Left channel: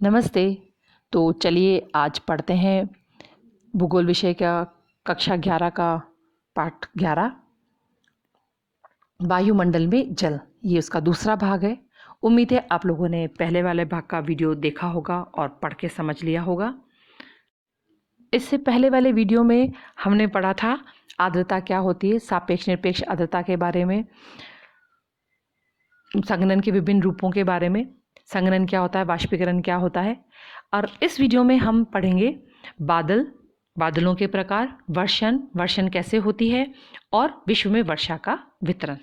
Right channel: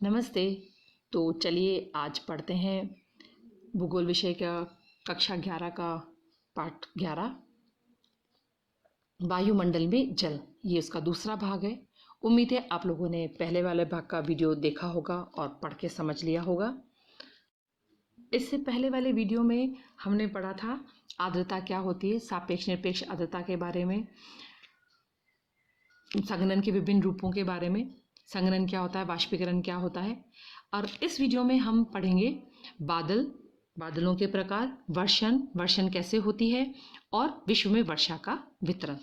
नमस्ते। तो चलिए आज पढ़ते हैं भूगोल विषय का कक्षा 11 का पाठ 11 वायुमंडल में जल। ये उसका दूसरा भाग है। उम्मीद है आप लोगों ने पहले वाले भाग का वीडियो देखा होगा और पढ़ के समझ लिया होगा। इससे पहले वाले वीडियो में हमने पढ़ा था आर्द्रता क्या होती है, सापेक्ष निरपेक्ष आर्द्रता के बारे में, संघनन के विभिन्न रूपों के बारे में, संघनन क्या होता है, वाष्पीकरण क्या होता है। और इस वीडियो में हम पढ़ेंगे बादलों के प्रकार, वर्षण कैसे होती है और विश्व में वर्षा का वितरण।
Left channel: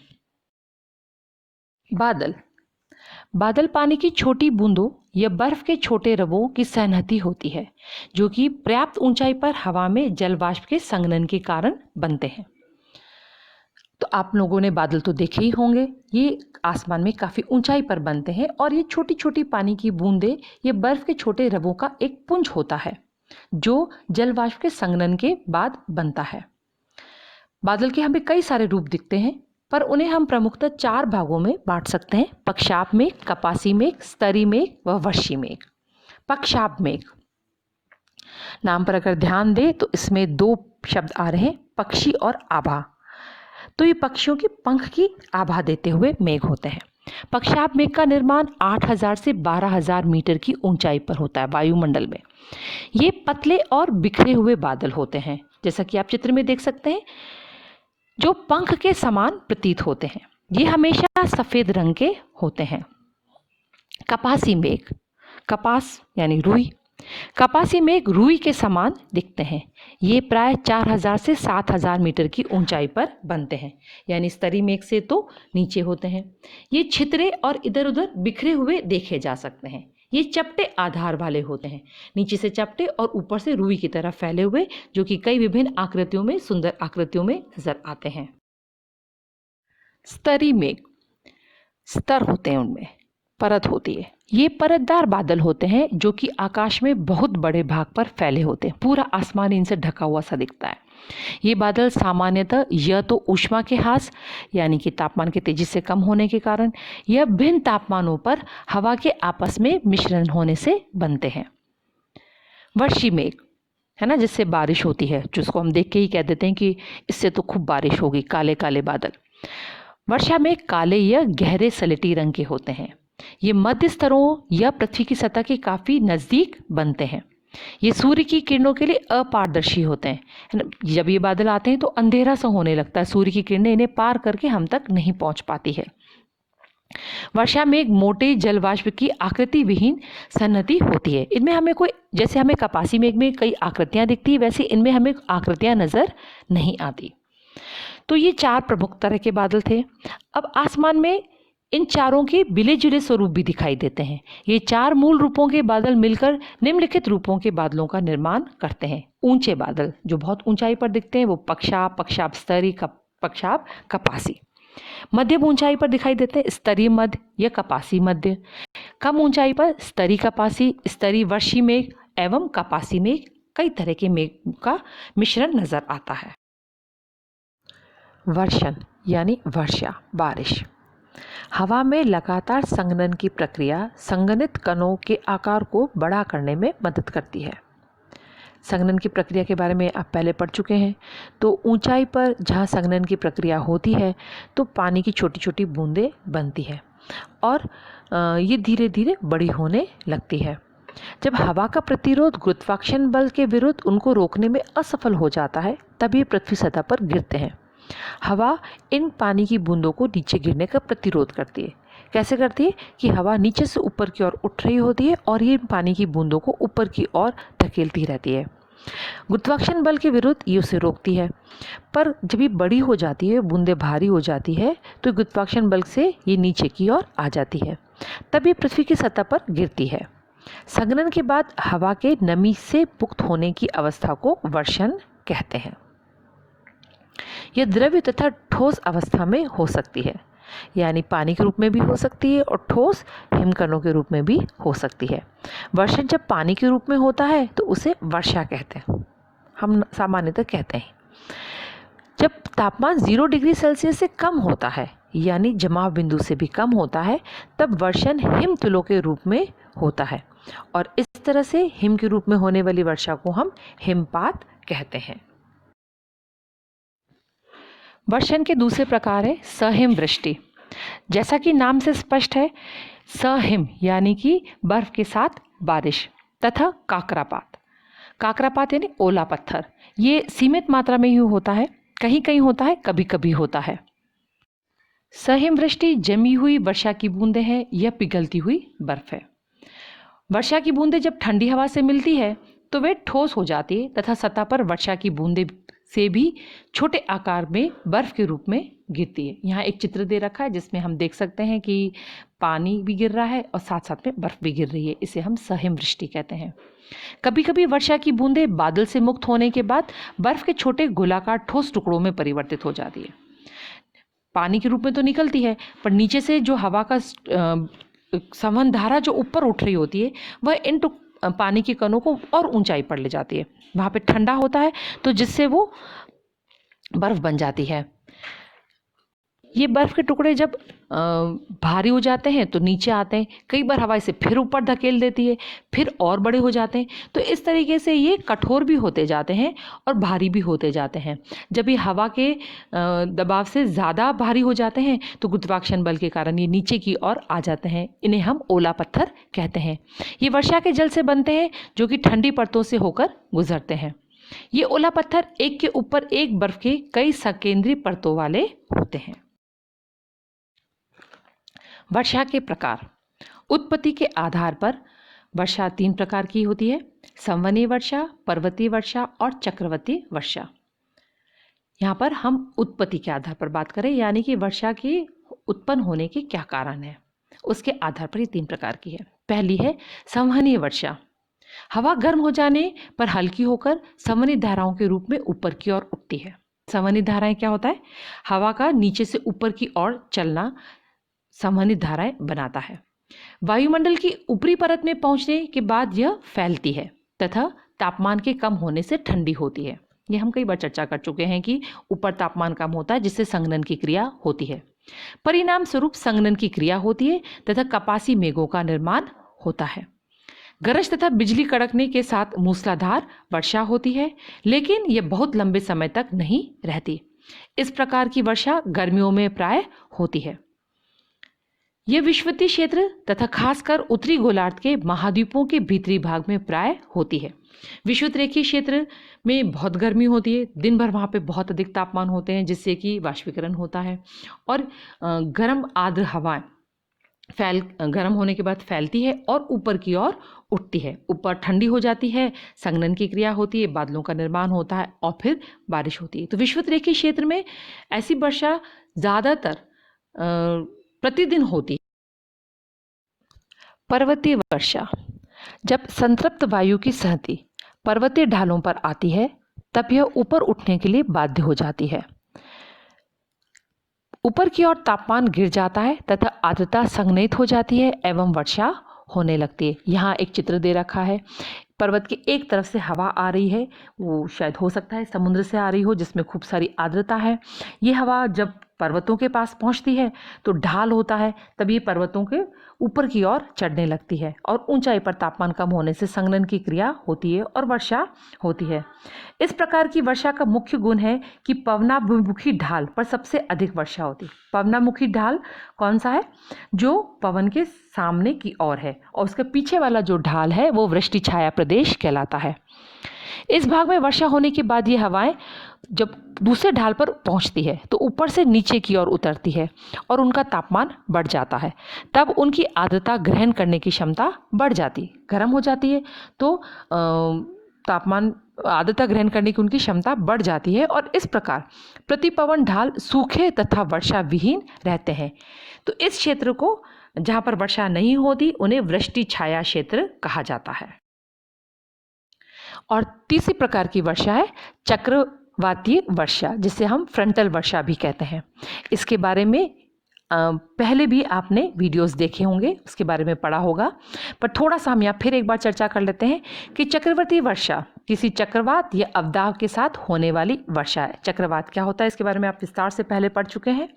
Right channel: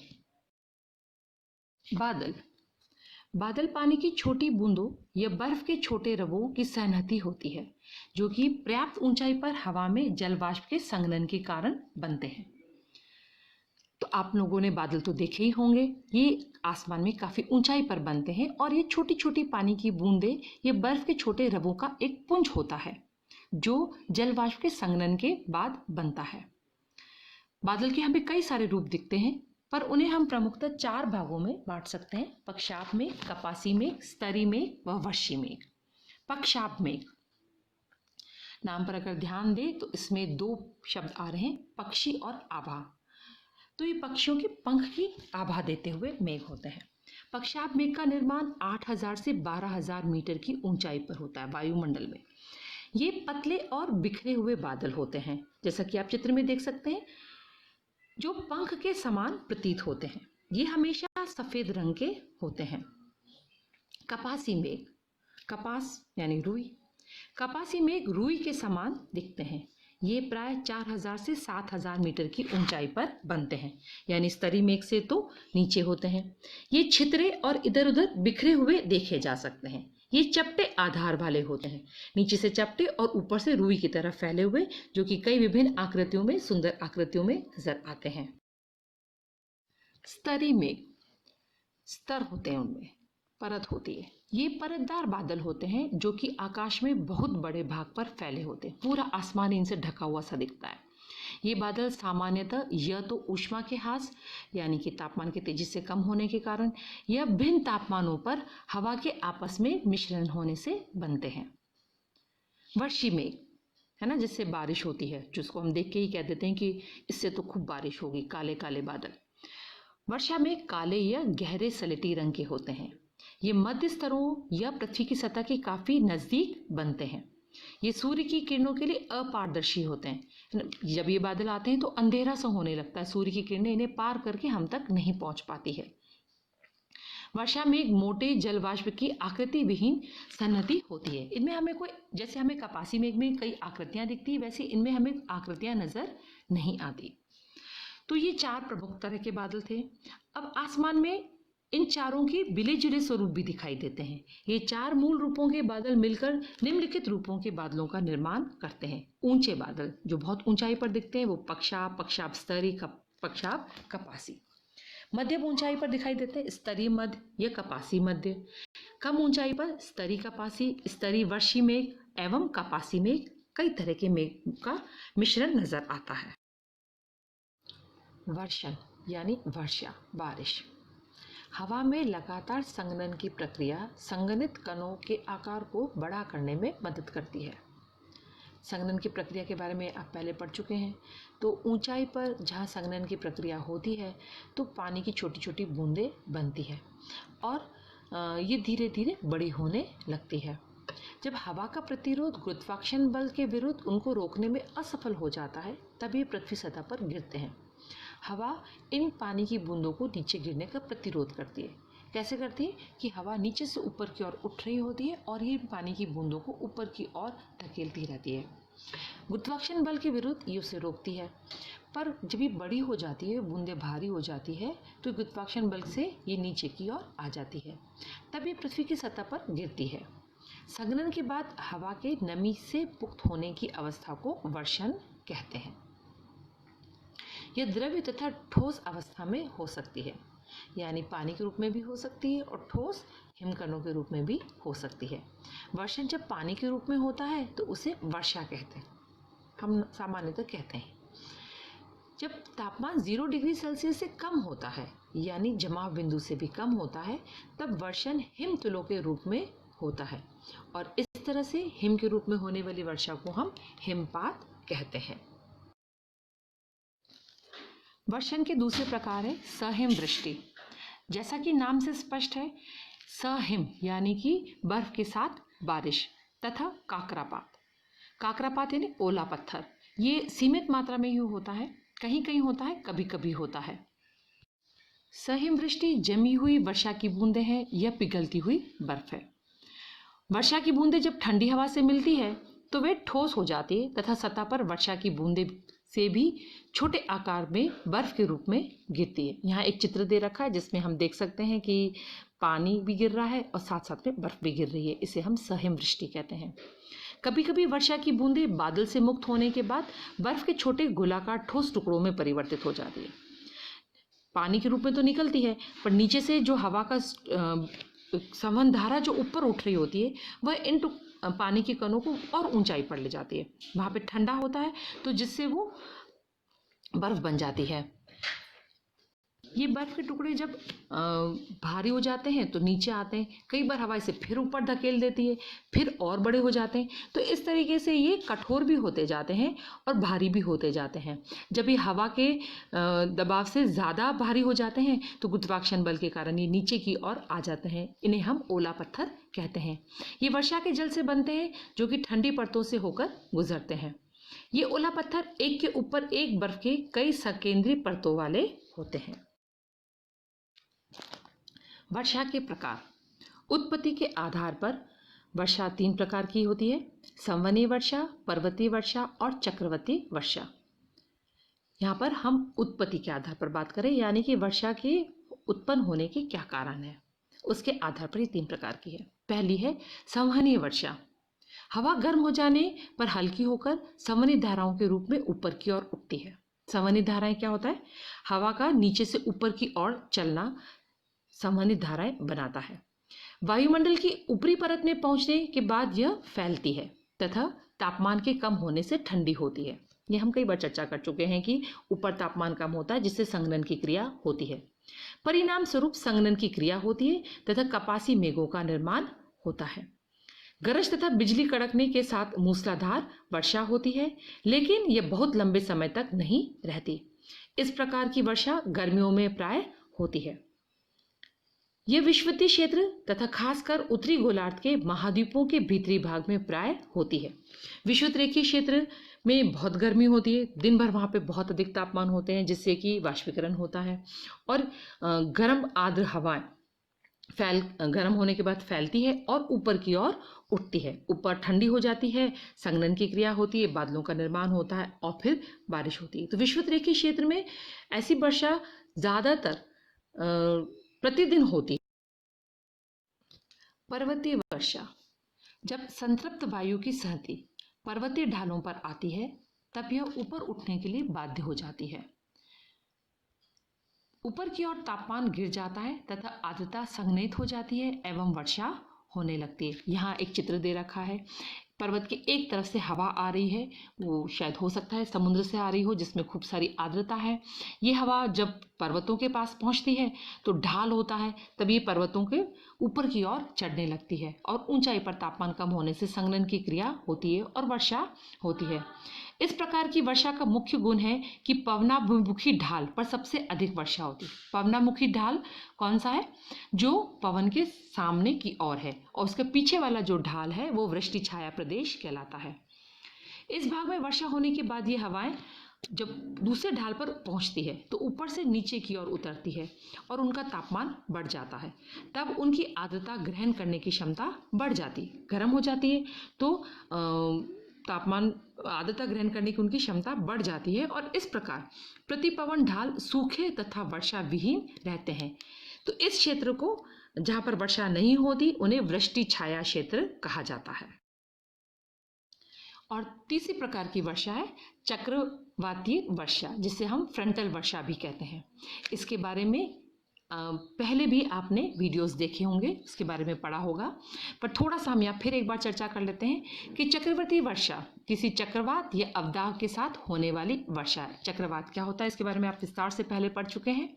बादल पानी की छोटी बूंदों या बर्फ के छोटे रवों की सन्निहित होती है जो कि पर्याप्त ऊंचाई पर हवा में जल वाष्प के संघनन के कारण बनते हैं। तो आप लोगों ने बादल तो देखे ही होंगे। ये आसमान में काफ़ी ऊंचाई पर बनते हैं और ये छोटी छोटी पानी की बूंदें ये बर्फ के छोटे रवों का एक पुंज होता है जो जल वाष्प के संघनन के बाद बनता है। बादल के हमें कई सारे रूप दिखते हैं पर उन्हें हम प्रमुखतः 4 भागों में बांट सकते हैं: पक्षाप मेघ, कपासी मेघ, स्तरी मेघ व वर्षी मेघ। पक्षाप मेघ नाम पर अगर ध्यान दें तो इसमें 2 शब्द आ रहे हैं, पक्षी और आभा। तो ये पक्षियों की पंख की आभा देते हुए मेघ होते हैं। पक्षाप मेघ का निर्माण 8000 से 12000 मीटर की ऊंचाई पर होता है वायुमंडल में। ये पतले और बिखरे हुए बादल होते हैं, जैसा कि आप चित्र में देख सकते हैं, जो पंख के समान प्रतीत होते हैं। ये हमेशा सफेद रंग के होते हैं। कपासी मेघ, कपास यानी रुई, कपासी मेघ रुई के समान दिखते हैं। ये प्राय 4000 से 7000 मीटर की ऊंचाई पर बनते हैं, यानी स्तरी मेघ से तो नीचे होते हैं। ये छितरे और इधर उधर बिखरे हुए देखे जा सकते हैं। ये चपटे आधार वाले होते हैं, नीचे से चपटे और ऊपर से रुई की तरह फैले हुए, जो कि कई विभिन्न आकृतियों में, सुंदर आकृतियों में नजर आते हैं। स्तरी मेघ, स्तर होते हैं, उनमें परत होती है। ये परतदार बादल होते हैं जो कि आकाश में बहुत बड़े भाग पर फैले होते हैं। पूरा आसमान इनसे ढका हुआ सा दिखता है। ये बादल सामान्यतः या तो ऊष्मा के ह्रास यानी कि तापमान के तेजी से कम होने के कारण या भिन्न तापमानों पर हवा के आपस में मिश्रण होने से बनते हैं। वर्षी मेघ है ना, जिससे बारिश होती है, जिसको हम देख के ही कह देते हैं कि इससे तो खूब बारिश होगी। काले काले बादल। वर्षा में काले या गहरे सलेटी रंग के होते हैं। ये मध्य स्तरों या पृथ्वी की सतह के काफ़ी नज़दीक बनते हैं। ये सूर्य की किरणों के लिए अपारदर्शी होते हैं। जब ये बादल आते हैं तो अंधेरा सा होने लगता है, सूर्य की किरणें इन्हें पार करके हम तक नहीं पहुंच पाती है। वर्षा में एक मोटे जलवाष्प की आकृति विहीन सन्निधि होती है। इनमें हमें कोई, जैसे हमें कपासी मेघ में कई आकृतियां दिखती है, वैसे इनमें हमें आकृतियां नजर नहीं आती। तो ये 4 प्रमुख तरह के बादल थे। अब आसमान में इन चारों के मिले जुले स्वरूप भी दिखाई देते हैं। ये 4 मूल रूपों के बादल मिलकर निम्नलिखित रूपों के बादलों का निर्माण करते हैं। ऊंचे बादल जो बहुत ऊंचाई पर दिखते हैं वो पक्षाप, पक्षाप स्तरी, पक्षाप कपासी। मध्यम ऊंचाई पर दिखाई देते हैं स्तरी मध्य या कपासी मध्य। कम ऊंचाई पर स्तरी कपासी, स्तरी वर्षी मेघ एवं कपासी मेघ, कई तरह के मेघ का मिश्रण नजर आता है। वर्षण यानी वर्षा, बारिश। हवा में लगातार संघनन की प्रक्रिया संघनित कणों के आकार को बड़ा करने में मदद करती है। संघनन की प्रक्रिया के बारे में आप पहले पढ़ चुके हैं। तो ऊंचाई पर जहाँ संघनन की प्रक्रिया होती है तो पानी की छोटी छोटी बूंदें बनती है और ये धीरे धीरे बड़ी होने लगती है। जब हवा का प्रतिरोध गुरुत्वाकर्षण बल के विरुद्ध उनको रोकने में असफल हो जाता है तब ये पृथ्वी सतह पर गिरते हैं। हवा इन पानी की बूंदों को नीचे गिरने का प्रतिरोध करती है। कैसे करती है कि हवा नीचे से ऊपर की ओर उठ रही होती है और ये पानी की बूंदों को ऊपर की ओर धकेलती रहती है। गुरुत्वाकर्षण बल के विरुद्ध ये उसे रोकती है, पर जब ये बड़ी हो जाती है, बूंदें भारी हो जाती है, तो गुरुत्वाकर्षण बल से ये नीचे की ओर आ जाती है, तब ये पृथ्वी की सतह पर गिरती है। संघनन के बाद हवा के नमी से मुक्त होने की अवस्था को वर्षण कहते हैं। यह द्रव्य तथा ठोस अवस्था में हो सकती है, यानी पानी के रूप में भी हो सकती है और ठोस हिमकणों के रूप में भी हो सकती है। वर्षण जब पानी के रूप में होता है तो उसे वर्षा कहते हैं, हम सामान्यतः कहते हैं। जब तापमान 0 डिग्री सेल्सियस से कम होता है, यानी जमाव बिंदु से भी कम होता है, तब वर्षण हिमतुलों के रूप में होता है। और इस तरह से हिम के रूप में होने वाली वर्षा को हम हिमपात कहते हैं। वर्षण के दूसरे प्रकार है सहिम वृष्टि। जैसा कि नाम से स्पष्ट है, सहिम यानी कि बर्फ के साथ बारिश, तथा काकरापात। काकरापात यानी ओला पत्थर। ये सीमित मात्रा में ही होता है, कहीं कहीं होता है, कभी कभी होता है। सहिम वृष्टि जमी हुई वर्षा की बूंदें हैं, यह पिघलती हुई बर्फ है। वर्षा की बूंदें जब ठंडी हवा से मिलती है तो वे ठोस हो जाती है तथा सतह पर वर्षा की बूंदें से भी छोटे आकार में बर्फ के रूप में गिरती है। यहाँ एक चित्र दे रखा है जिसमें हम देख सकते हैं कि पानी भी गिर रहा है और साथ साथ में बर्फ भी गिर रही है। इसे हम सहिम वृष्टि कहते हैं। कभी कभी वर्षा की बूंदें बादल से मुक्त होने के बाद बर्फ के छोटे गोलाकार ठोस टुकड़ों में परिवर्तित हो जाती है। पानी के रूप में तो निकलती है, पर नीचे से जो हवा का संवहन धारा जो ऊपर उठ रही होती है वह इन पानी के कणों को और ऊंचाई पर ले जाती है। वहाँ पे ठंडा होता है तो जिससे वो बर्फ बन जाती है। ये बर्फ के टुकड़े जब भारी हो जाते हैं तो नीचे आते हैं, कई बार हवा इसे फिर ऊपर धकेल देती है, फिर और बड़े हो जाते हैं। तो इस तरीके से ये कठोर भी होते जाते हैं और भारी भी होते जाते हैं। जब ये हवा के दबाव से ज़्यादा भारी हो जाते हैं तो गुरुत्वाकर्षण बल के कारण ये नीचे की ओर आ जाते हैं। इन्हें हम ओला पत्थर कहते हैं। ये वर्षा के जल से बनते हैं जो कि ठंडी परतों से होकर गुजरते हैं। ये ओला पत्थर एक के ऊपर एक बर्फ के कई सकेंद्रीय परतों वाले होते हैं। वर्षा के प्रकार। उत्पत्ति के आधार पर वर्षा 3 प्रकार की होती है: संवहनीय वर्षा, पर्वतीय वर्षा और चक्रवाती वर्षा। यहाँ पर हम उत्पत्ति के आधार पर बात करें, यानी कि वर्षा के उत्पन्न होने के क्या कारण है, उसके आधार पर ये 3 प्रकार की है। पहली है संवहनीय वर्षा। हवा गर्म हो जाने पर हल्की होकर संवहनी धाराओं के रूप में ऊपर की ओर उठती है। संवहनी धाराएं क्या होता है? हवा का नीचे से ऊपर की ओर चलना संवहनी धाराएं बनाता है। वायुमंडल की ऊपरी परत में पहुंचने के बाद यह फैलती है तथा तापमान के कम होने से ठंडी होती है। यह हम कई बार चर्चा कर चुके हैं कि ऊपर तापमान कम होता है जिससे संघनन की क्रिया होती है। परिणाम स्वरूप संघनन की क्रिया होती है तथा कपासी मेघों का निर्माण होता है। गरज तथा बिजली कड़कने के साथ मूसलाधार वर्षा होती है, लेकिन यह बहुत लंबे समय तक नहीं रहती। इस प्रकार की वर्षा गर्मियों में प्राय होती है। यह विषुवतीय क्षेत्र तथा खासकर उत्तरी गोलार्ध के महाद्वीपों के भीतरी भाग में प्राय होती है। विषुवत रेखीय क्षेत्र में बहुत गर्मी होती है, दिन भर वहाँ पे बहुत अधिक तापमान होते हैं जिससे कि वाष्पीकरण होता है और गर्म आर्द्र हवाएं गर्म होने के बाद फैलती है और ऊपर की ओर उठती है। ऊपर ठंडी हो जाती है, संघनन की क्रिया होती है, बादलों का निर्माण होता है और फिर बारिश होती है। तो विषुवत रेखीय क्षेत्र में ऐसी वर्षा ज़्यादातर प्रतिदिन होती। पर्वतीय वर्षा। जब संतृप्त वायु की सहती पर्वतीय ढालों पर आती है तब यह ऊपर उठने के लिए बाध्य हो जाती है। ऊपर की ओर तापमान गिर जाता है तथा आर्द्रता संघनित हो जाती है एवं वर्षा होने लगती है। यहाँ एक चित्र दे रखा है। पर्वत की एक तरफ से हवा आ रही है, वो शायद हो सकता है समुद्र से आ रही हो जिसमें खूब सारी आर्द्रता है। ये हवा जब पर्वतों के पास पहुंचती है तो ढाल होता है, तब ये पर्वतों के ऊपर की ओर चढ़ने लगती है और ऊंचाई पर तापमान कम होने से संघनन की क्रिया होती है और वर्षा होती है। इस प्रकार की वर्षा का मुख्य गुण है कि पवनाभिमुखी ढाल पर सबसे अधिक वर्षा होती है। पवनामुखी ढाल कौन सा है? जो पवन के सामने की ओर है, और उसके पीछे वाला जो ढाल है वो वृष्टि छाया प्रदेश कहलाता है। इस भाग में वर्षा होने के बाद ये हवाएं जब दूसरे ढाल पर पहुंचती है तो ऊपर से नीचे की ओर उतरती है और उनका तापमान बढ़ जाता है। तब उनकी आर्द्रता ग्रहण करने की क्षमता बढ़ जाती है, गर्म हो जाती है तो तापमान आर्द्रता ग्रहण करने की उनकी क्षमता बढ़ जाती है और इस प्रकार प्रतिपवन ढाल सूखे तथा वर्षा विहीन रहते हैं। तो इस क्षेत्र को जहाँ पर वर्षा नहीं होती उन्हें वृष्टि छाया क्षेत्र कहा जाता है। और तीसरी प्रकार की वर्षा है चक्रवातीय वर्षा, जिसे हम फ्रंटल वर्षा भी कहते हैं। इसके बारे में पहले भी आपने वीडियोस देखे होंगे, उसके बारे में पढ़ा होगा, पर थोड़ा सा हम यहाँ फिर एक बार चर्चा कर लेते हैं कि चक्रवाती वर्षा किसी चक्रवात या अवदाब के साथ होने वाली वर्षा है। चक्रवात क्या होता है इसके बारे में आप विस्तार से पहले पढ़ चुके हैं।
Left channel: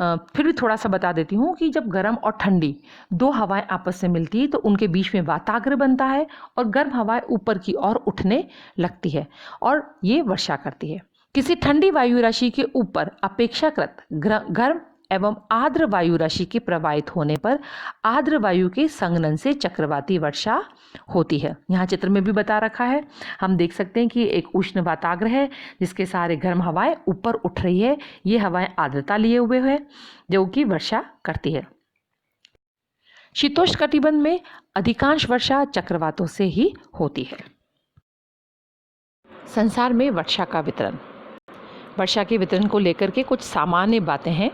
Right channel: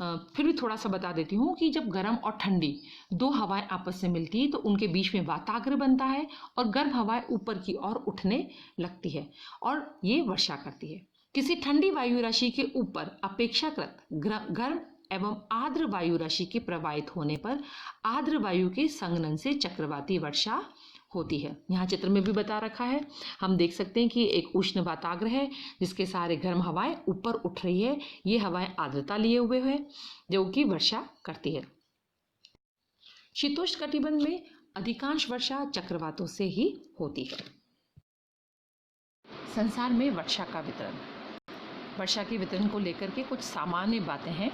फिर भी थोड़ा सा बता देती हूँ कि जब गर्म और ठंडी दो हवाएं आपस में मिलती है तो उनके बीच में वाताग्र बनता है और गर्म हवाएं ऊपर की ओर उठने लगती है और ये वर्षा करती है। किसी ठंडी वायु राशि के ऊपर अपेक्षाकृत गर्म एवं आर्द्र वायु राशि के प्रवाहित होने पर आर्द्र वायु के संघनन से चक्रवाती वर्षा होती है। यहाँ चित्र में भी बता रखा है, हम देख सकते हैं कि एक उष्ण वाताग्र है जिसके सारे गर्म हवाएं ऊपर उठ रही है। ये हवाएं आर्द्रता लिए हुए है जो कि वर्षा करती है। शीतोष्ण कटिबंध में अधिकांश वर्षा चक्रवातों से ही होती है। संसार में वर्षा का वितरण। वर्षा के वितरण को लेकर के कुछ सामान्य बातें हैं।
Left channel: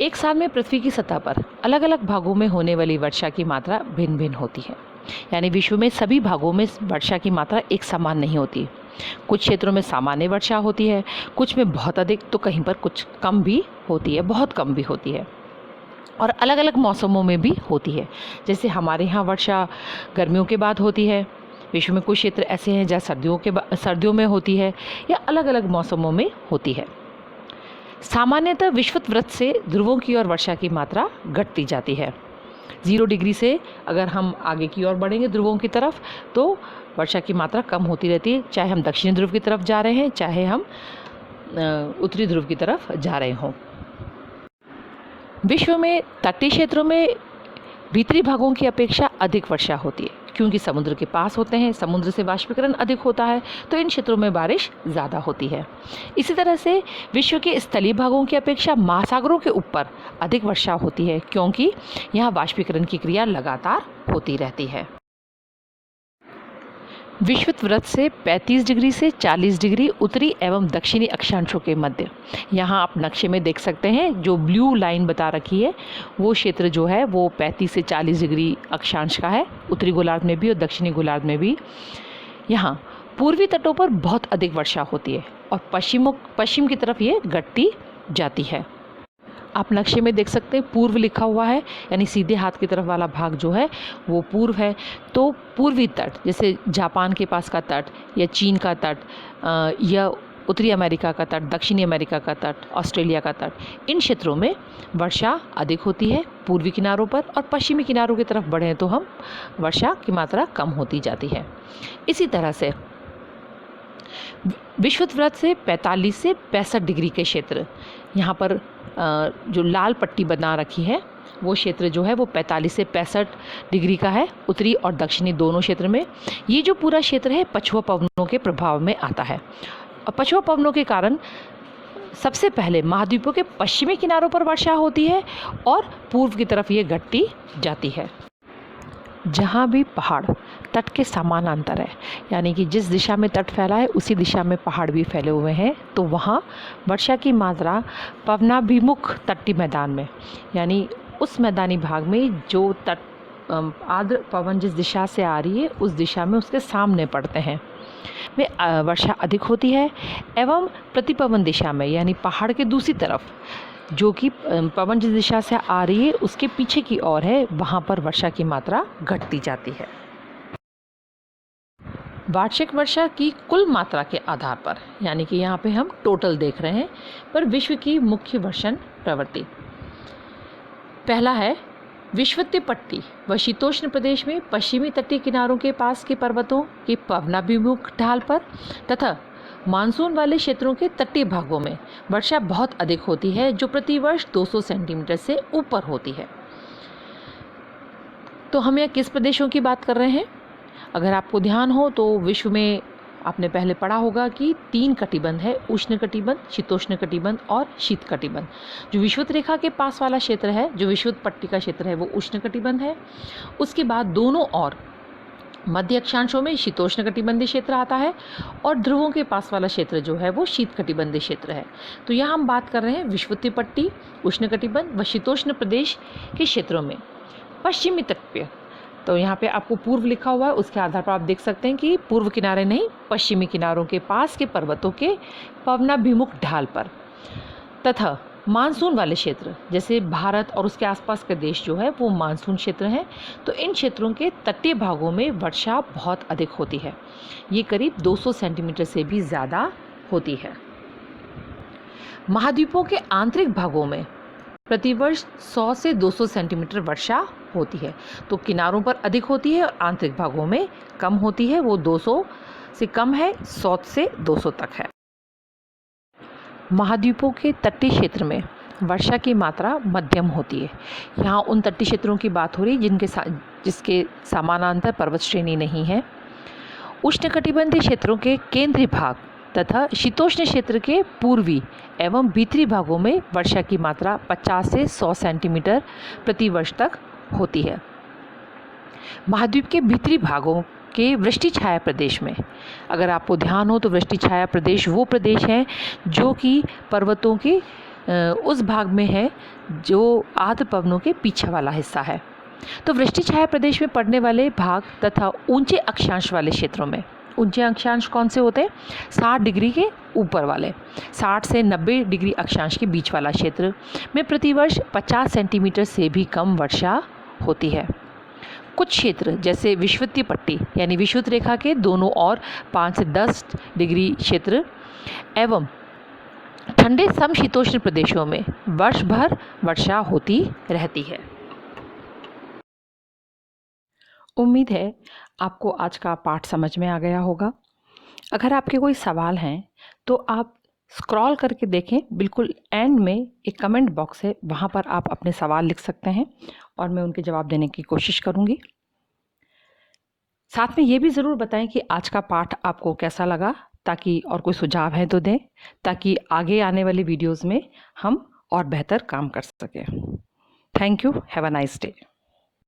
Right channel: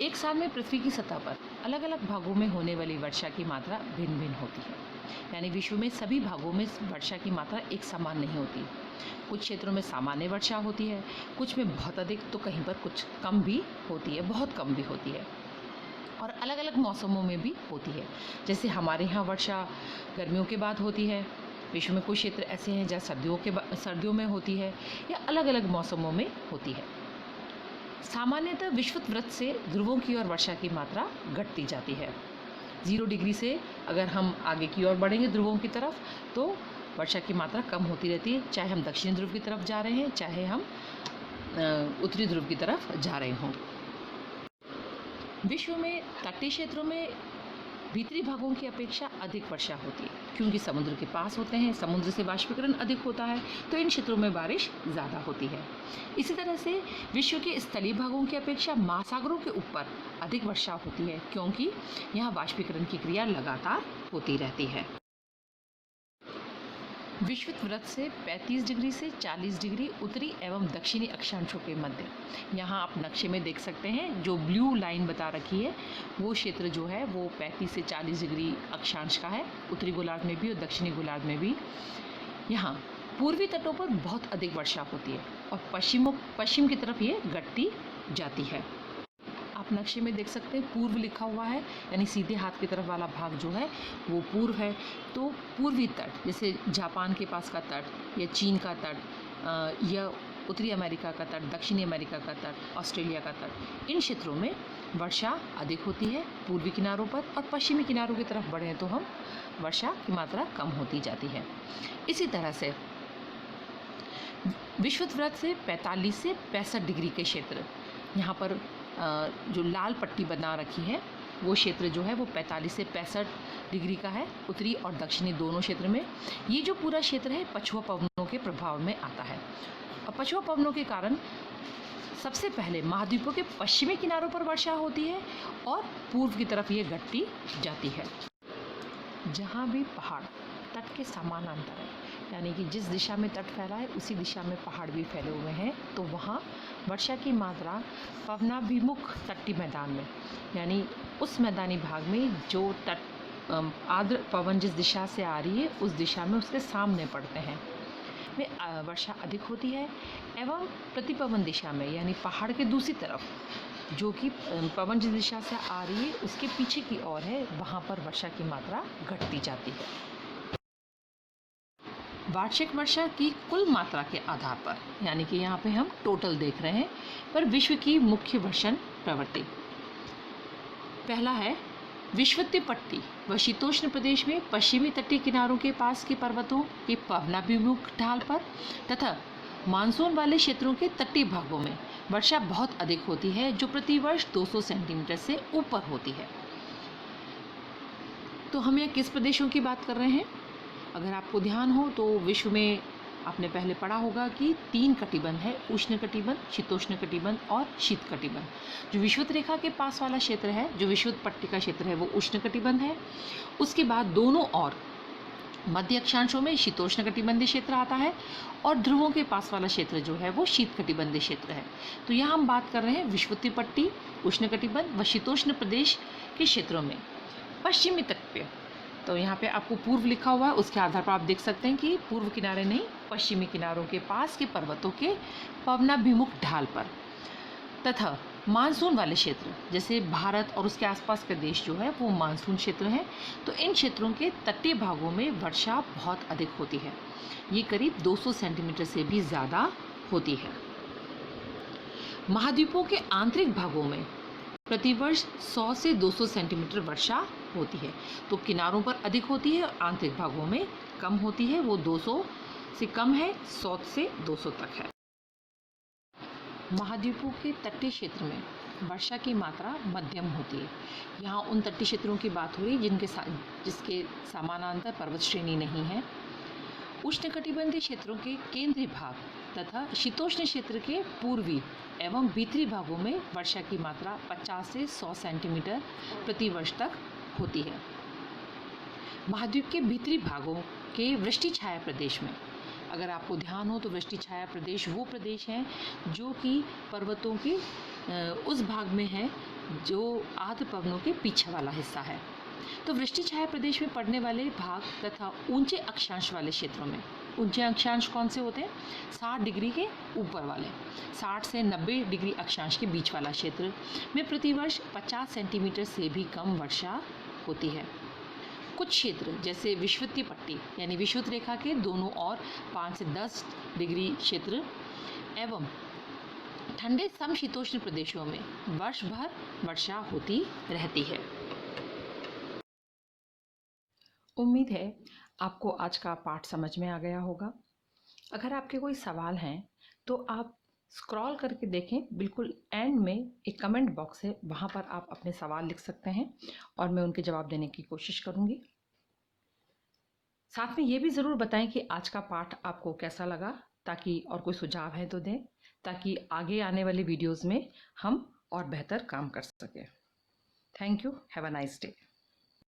एक साल में पृथ्वी की सतह पर अलग अलग भागों में होने वाली वर्षा की मात्रा भिन्न भिन्न होती है। यानी विश्व में सभी भागों में वर्षा की मात्रा एक समान नहीं होती। कुछ क्षेत्रों में सामान्य वर्षा होती है, कुछ में बहुत अधिक, तो कहीं पर कुछ कम भी होती है, बहुत कम भी होती है और अलग अलग मौसमों में भी होती है। जैसे हमारे यहाँ वर्षा गर्मियों के बाद होती है, विश्व में कुछ क्षेत्र ऐसे हैं जहाँ सर्दियों में होती है या अलग अलग मौसमों में होती है। सामान्यतः विषुवत वृत्त से ध्रुवों की ओर वर्षा की मात्रा घटती जाती है। 0 डिग्री से अगर हम आगे की ओर बढ़ेंगे ध्रुवों की तरफ तो वर्षा की मात्रा कम होती रहती है, चाहे हम दक्षिणी ध्रुव की तरफ जा रहे हैं, चाहे हम उत्तरी ध्रुव की तरफ जा रहे हों। विश्व में तटीय क्षेत्रों में भीतरी भागों की अपेक्षा अधिक वर्षा होती है क्योंकि समुद्र के पास होते हैं, समुद्र से वाष्पीकरण अधिक होता है तो इन क्षेत्रों में बारिश ज़्यादा होती है। इसी तरह से विश्व के स्थलीय भागों की अपेक्षा महासागरों के ऊपर अधिक वर्षा होती है क्योंकि यहाँ वाष्पीकरण की क्रिया लगातार होती रहती है। विषुवत वृत्त से 35 डिग्री से 40 डिग्री उत्तरी एवं दक्षिणी अक्षांशों के मध्य, यहाँ आप नक्शे में देख सकते हैं जो ब्लू लाइन बता रखी है वो क्षेत्र जो है वो 35 से 40 डिग्री अक्षांश का है, उत्तरी गोलार्ध में भी और दक्षिणी गोलार्ध में भी। यहाँ पूर्वी तटों पर बहुत अधिक वर्षा होती है और पश्चिम की तरफ ये घटती जाती है। आप नक्शे में देख सकते हैं पूर्व लिखा हुआ है, यानी सीधे हाथ की तरफ वाला भाग जो है वो पूर्व है। तो पूर्वी तट जैसे जापान के पास का तट या चीन का तट या उत्तरी अमेरिका का तट, दक्षिणी अमेरिका का तट, ऑस्ट्रेलिया का तट, इन क्षेत्रों में वर्षा अधिक होती है पूर्वी किनारों पर, और पश्चिमी किनारों की तरफ बढ़ें तो हम वर्षा की मात्रा कम होती जाती है। इसी तरह से विषुवत वृत्त से 45 से 65 डिग्री के क्षेत्र, यहाँ पर जो लाल पट्टी बना रखी है वो क्षेत्र जो है वो 45 से 65 डिग्री का है, उत्तरी और दक्षिणी दोनों क्षेत्र में। ये जो पूरा क्षेत्र है पछुआ पवनों के प्रभाव में आता है और पछुआ पवनों के कारण सबसे पहले महाद्वीपों के पश्चिमी किनारों पर वर्षा होती है और पूर्व की तरफ ये घटती जाती है। जहाँ भी पहाड़ तट के समानांतर है, यानी कि जिस दिशा में तट फैला है उसी दिशा में पहाड़ भी फैले हुए हैं, तो वहाँ वर्षा की मात्रा पवनाभिमुख तटीय मैदान में, यानी उस मैदानी भाग में जो तट आर्द्र पवन जिस दिशा से आ रही है उस दिशा में उसके सामने पड़ते हैं, वे वर्षा अधिक होती है। एवं प्रतिपवन दिशा में, यानी पहाड़ के दूसरी तरफ जो कि पवन जिस दिशा से आ रही है उसके पीछे की ओर है, वहाँ पर वर्षा की मात्रा घटती जाती है। वार्षिक वर्षा की कुल मात्रा के आधार पर, यानी कि यहाँ पे हम टोटल देख रहे हैं, पर विश्व की मुख्य वर्षण प्रवृत्ति। पहला है विषुवतीय पट्टी व शीतोष्ण प्रदेश में पश्चिमी तटीय किनारों के पास के पर्वतों की पवनाभिमुख ढाल पर तथा मानसून वाले क्षेत्रों के तटीय भागों में वर्षा बहुत अधिक होती है, जो प्रतिवर्ष 200 सेंटीमीटर से ऊपर होती है। तो हम यहाँ किस प्रदेशों की बात कर रहे हैं? अगर आपको ध्यान हो तो विश्व में आपने पहले पढ़ा होगा कि 3 कटिबंध है, उष्ण कटिबंध, शीतोष्ण कटिबंध और शीत कटिबंध। जो विषुवत रेखा के पास वाला क्षेत्र है, जो विषुवत पट्टी का क्षेत्र है, वो उष्ण कटिबंध है। उसके बाद दोनों और मध्य अक्षांशों में शीतोष्ण कटिबंधीय क्षेत्र आता है और ध्रुवों के पास वाला क्षेत्र जो है वो शीत कटिबंधीय क्षेत्र है। तो यहाँ हम बात कर रहे हैं विषुवतीय पट्टी, उष्ण कटिबंध व शीतोष्ण प्रदेश के क्षेत्रों में पश्चिमी तट पे। तो यहाँ पे आपको पूर्व लिखा हुआ है, उसके आधार पर आप देख सकते हैं कि पूर्व किनारे नहीं, पश्चिमी किनारों के पास के पर्वतों के पवनाभिमुख ढाल पर तथा मानसून वाले क्षेत्र जैसे भारत और उसके आसपास के देश जो है वो मानसून क्षेत्र हैं। तो इन क्षेत्रों के तटीय भागों में वर्षा बहुत अधिक होती है, ये करीब 200 सेंटीमीटर से भी ज़्यादा होती है। महाद्वीपों के आंतरिक भागों में प्रतिवर्ष 100 से 200 सेंटीमीटर वर्षा होती है। तो किनारों पर अधिक होती है और आंतरिक भागों में कम होती है, वो 200 से कम है, 100 से 200 तक है। महाद्वीपों के तटीय क्षेत्र में वर्षा की मात्रा मध्यम होती है। यहाँ उन तटीय क्षेत्रों की बात हो रही जिसके समानांतर पर्वत श्रेणी नहीं है। उष्णकटिबंधीय क्षेत्रों के केंद्रीय भाग तथा शीतोष्ण क्षेत्र के पूर्वी एवं भीतरी भागों में वर्षा की मात्रा 50 से 100 सेंटीमीटर प्रति वर्ष तक होती है। महाद्वीप के भीतरी भागों के वृष्टि छाया प्रदेश में, अगर आपको ध्यान हो तो वृष्टि छाया प्रदेश वो प्रदेश है जो कि पर्वतों के उस भाग में है जो आर्द्र पवनों के पीछे वाला हिस्सा है। तो वृष्टि छाया प्रदेश में पड़ने वाले भाग तथा ऊंचे अक्षांश वाले क्षेत्रों में, ऊंचे अक्षांश कौन से होते हैं? 60 डिग्री के ऊपर वाले, 60 से 90 डिग्री अक्षांश के बीच वाला क्षेत्र में प्रतिवर्ष 50 सेंटीमीटर से भी कम वर्षा होती है। कुछ क्षेत्र जैसे विषुवतीय पट्टी यानी विषुवत रेखा के दोनों ओर 5 से 10 डिग्री क्षेत्र एवं ठंडे समशीतोष्ण प्रदेशों में वर्ष भर वर्षा होती रहती है। उम्मीद है आपको आज का पाठ समझ में आ गया होगा। अगर आपके कोई सवाल हैं तो आप स्क्रॉल करके देखें, बिल्कुल एंड में एक कमेंट बॉक्स है, वहाँ पर आप अपने सवाल लिख सकते हैं और मैं उनके जवाब देने की कोशिश करूँगी। साथ में ये भी ज़रूर बताएं कि आज का पाठ आपको कैसा लगा, ताकि और कोई सुझाव है तो दें, ताकि आगे आने वाली वीडियोज़ में हम और बेहतर काम कर सकें। Thank you. Have a nice day.